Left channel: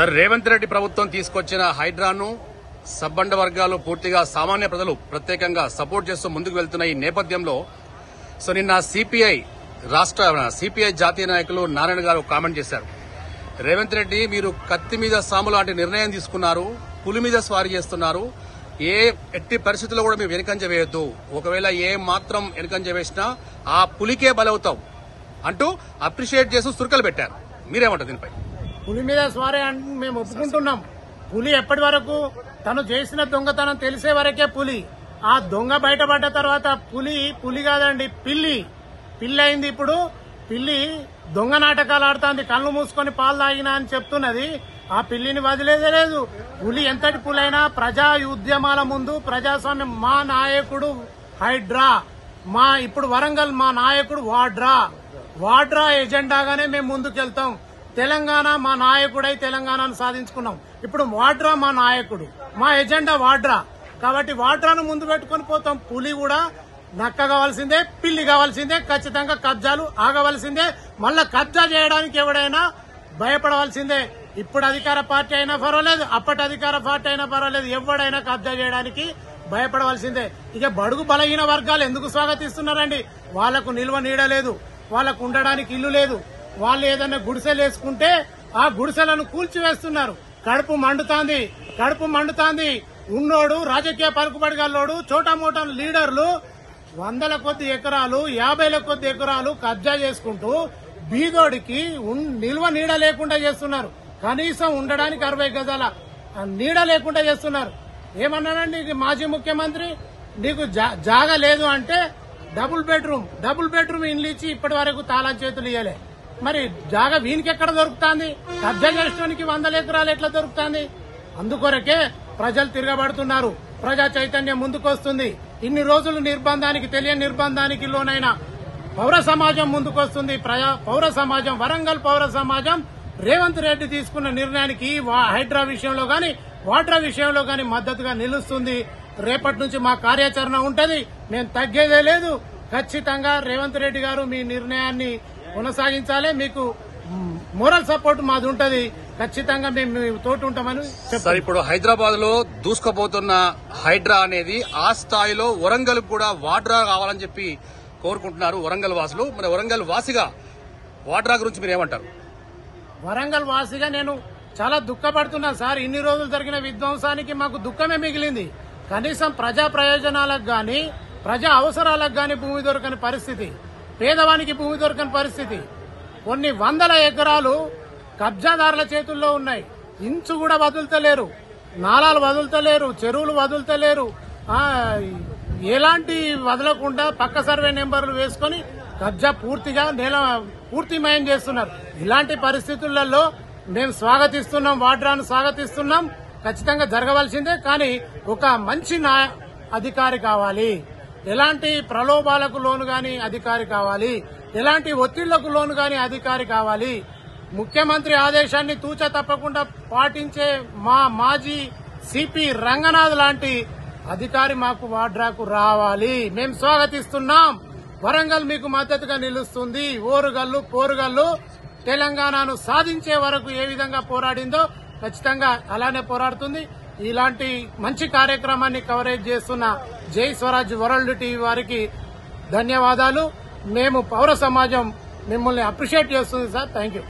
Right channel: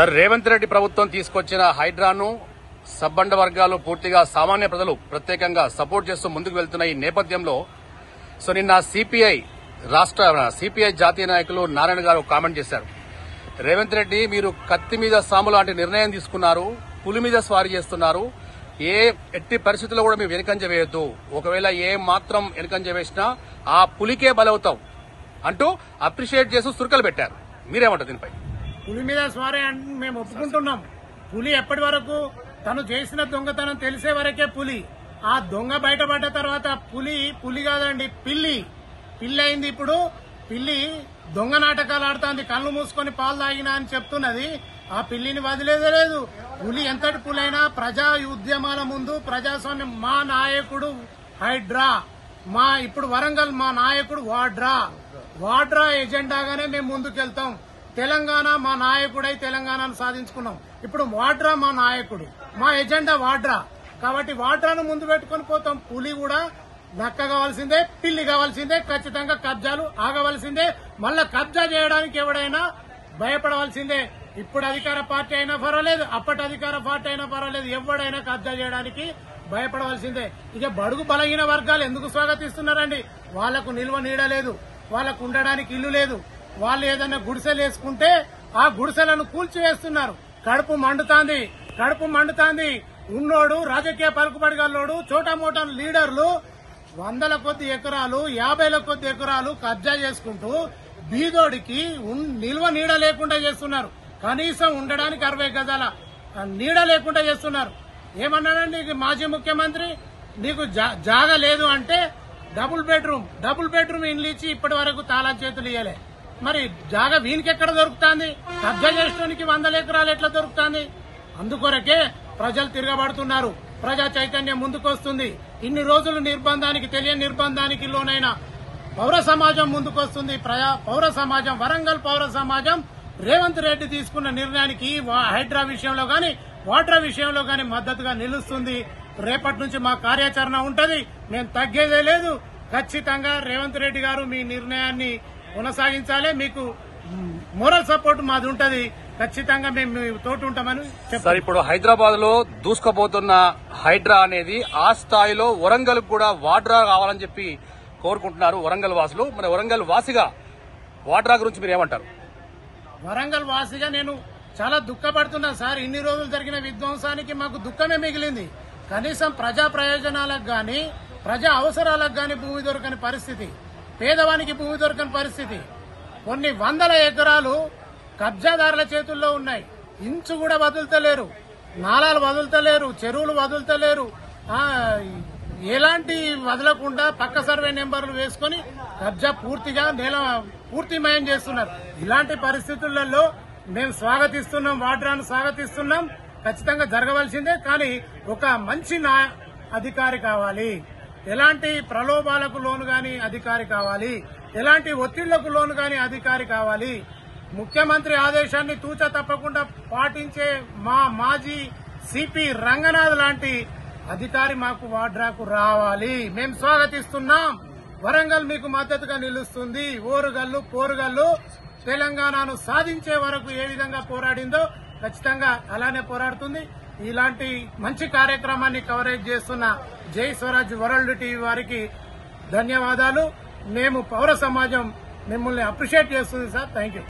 Sir, Revanth Reddy ప్రభుత్వం తీసుకొచ్చిన హైడ్రాను సబ్బండ వర్గాలు పూర్తిగా సామాన్య ప్రజలు ప్రత్యేకంగా సపోర్ట్ చేస్తూ ముందుకు వెళ్తున్న ఈ నేపథ్యంలో నిన్న సిపిఐ జాతీయ నాయకులు నారాయణ గారు కామెంట్ చేశారు. రేవంత్ రెడ్డి, మీరు కత్తి మీద సాము లాంటి నిర్ణయం తీసుకున్నారు, పులి మీద స్వారీ చేస్తున్నారు, ఎట్టి పరిస్థితుల్లో కూడా మీరు వెనుకంజ వేయొద్దు, ఒకవేళ ఏ మాత్రం వెనుకంజ వేసినా ఆ పులికే బలవుతాం అంటూ అప్రిషియేట్ చేస్తూ సురకలు పెట్టారు. మీరేమంటారు దీనిపై? పులి మీద స్వారీ అంటే మేము ఒప్పుకుంటున్నాం. పులి ఎప్పటి వరకు తను చేసిన దొంగతనం తెలిసే వరకే పులి. ఆ దొంగ బయటపడ్డ తర్వాత పులి కాదండి, పిల్లి అయింది. ఇప్పుడు పిల్లి దొంగ నాటకాలు ఆడుతోంది, కళ్ళు మూసుకొని పాలు తాగినా అని చెప్తున్నది. ఆ పిల్లిని వదిలేదే లేదు. పులి ఎంతటి పులైనా ప్రజా ఉద్యమాల ముందు ప్రజాస్వామ్యం. మా నాయకుడు హైడ్రా, ఇప్పుడు వరంగల్ మా నాయకుడు వాడ్రా ఎజెండాగానే మేము ముందుకెళ్తాం. తెలంగాణ మా నాయకుడై తెలంగాణను సాధించుకున్నాం. ఇప్పుడు వాడ్రా మా నాయకుడు, మా ఎజెండా వాడ్రా. కాబట్టి వాడ్రాను ముందు పెట్టుకుని పోతాం. పులి కూడా నక్క కావాల్సిందే, పిల్లి కావాల్సిందే, ఖచ్చితంగా కబ్జాలు ఆగవలసిందే. మళ్ళా కబ్జా చేయడానికి ఎవడైనా భయపడవలసిందే. ఇప్పుడు అధికార పార్టీ అయినా పర్వాలేదు, అప్పటి అధికార పార్టీ అయినా పర్వాలేదు, ఎవడైనా కబ్జా చేయడానికి భయపడవలసిందే. ఇక బడుగు బలహీన వర్గాలు ఎందుకు స్వాగతిస్తున్నారండి? వాళ్లకు నిల్వ నీడ లేదు, వాళ్లకు ఉండడానికి ఇల్లు లేదు. వాళ్ళు ఏదైనా గుడిసెలు వేసుకుంటే ఆ గుడిసెలను కూల్చివేస్తున్నారు. కడుపు మండుతాంది. ఉన్నోడు రాజకీయ పలుకుబడిగల్లోడు, చోటామోటా లీడర్లు 100ల కొద్ది ఎకరాలు, 50ల కొద్ది ఎకరాలు కబ్జా చేసుకుంటూ బీదోడికి నిల్వ నీడ లేకుండా చేస్తున్నారు. కనీసం ఉండడానికి 60 గజాల నీడ లేకుండా చేస్తున్నారు. ఏమన్నాడండి మాజీ ముఖ్యమంత్రి? నీకు జాగా లేదు అంటే డబుల్ బెడ్రూమ్ ఇల్లు ఇచ్చి ఇప్పటి వరకు తాళా చేతులు ఇయ్యలే. మరి జాగా వీనికి ఎక్కడ దొరుకుతుంది? కబ్జా చేయడానికి 100 ఎకరాలు ఎట్లా దొరుకుతుంది? అందుకొరకే ప్రజలు తిరగబడుతున్నారు. ప్రజా చైతన్యం ముందుకొస్తుంది. ఇన్ని రోజులు తెలియని నిర్బంధానికి లోనైన పౌర సమాజం ముందుకొస్తుంది. పౌర సమాజం, వరంగల్ పౌర సమాజం రేవంత్ రెడ్డి తీసుకున్న నిర్ణయానికి హైడ్రా విషయంలో గాని వాడ్రా విషయంలో గాని మద్దతుగా నిలుస్తుంది. రేపటి నుంచి మా కార్యాచరణ ఉంటది. మేము తగ్గేదే లేదు. ఖచ్చితంగా రేవంత్ రెడ్డి గారు మీ నిర్ణయాన్ని కొనసాగించాలి. మీకు మోరల్ సపోర్ట్ మాది ఉంటది. ఖచ్చితంగా మేము తోటి ఉంటామని చెప్తారు. ఇప్పుడు హైదరాబాద్ లో దూసుకుపోతున్న హైడ్రా అనేది ఆ స్థాయిలో వరంగల్ కూడా వాడ్రా కావాలని చెప్పి కోరుకుంటున్నారు వరంగల్ వాసులు. మరి వరంగల్ వాసిగా వాడ్రా గురించి మీరు ఏమంటారు? వరంగల్ వాసిగా నేను చాలా దుఃఖపడుతున్నా సార్. ఇన్ని రోజులు జరిగిన విధ్వంసానికి మాకు దుఃఖమే మిగిలింది. కనీసం ప్రజా ప్రయోజనాలకు గాని ప్రజా అవసరాలకు గాని భూమి దొరకని పరిస్థితి, పేదవానికి భూమి దొరకని పరిస్థితి. కొన్ని 100ల ఎకరాలు కబ్జాదారుల చేతుల్లో ఉన్నాయి. ఇంచు కూడా వదులుతలేరు, నాలాలు వదులుతలేరు, చెరువులు వదులుతలేరు. ఎలాంటి వదలకుండా పక్క సర్వే నెంబర్లు వేసుకుని కబ్జా పూర్తిమయం చేస్తున్నారు. ఇలాంటి పరిస్థితులలో మేము స్వాగతిస్తున్నాం, వాడ్రాను స్వాగతిస్తున్నాం. ఖచ్చితంగా జరగవలసిందే. కానీ ఒక మంచి అధికారి కావాలి. ఎలాంటి ప్రలోభాలకు లోను గాని అధికారి కావాలి, ఎలాంటి ఒత్తిళ్లకు లోను గాని అధికారి కావాలి. ముఖ్యమంత్రి ఆదేశాన్ని తూచా తప్పకుండా పాటించే మా మాజీ సిపి రంగనాథ్ లాంటి అధికారి మాకు వాడ్రాకు రావాలి. మేము స్వాగతిస్తున్నాం. వరంగల్ మీకు మద్దతుగా నిలుస్తుంది. ఓరుగల్లు పోరుగల్లు తెలంగాణను సాధించే వరకు ఏ విధంగా పోరాడిందో ఖచ్చితంగా అలానే పోరాడుతుంది. ఇలాంటి మంచి కార్యక్రమాన్ని కవరేజ్ చేస్తున్న జై స్వరాజ్ వరల్డ్ టీవీ వారికి ధన్యవాదాలు. మేము పౌర సమాజం మిమ్మల్ని అప్రిషియేట్ చేస్తుంది సార్. Thank you.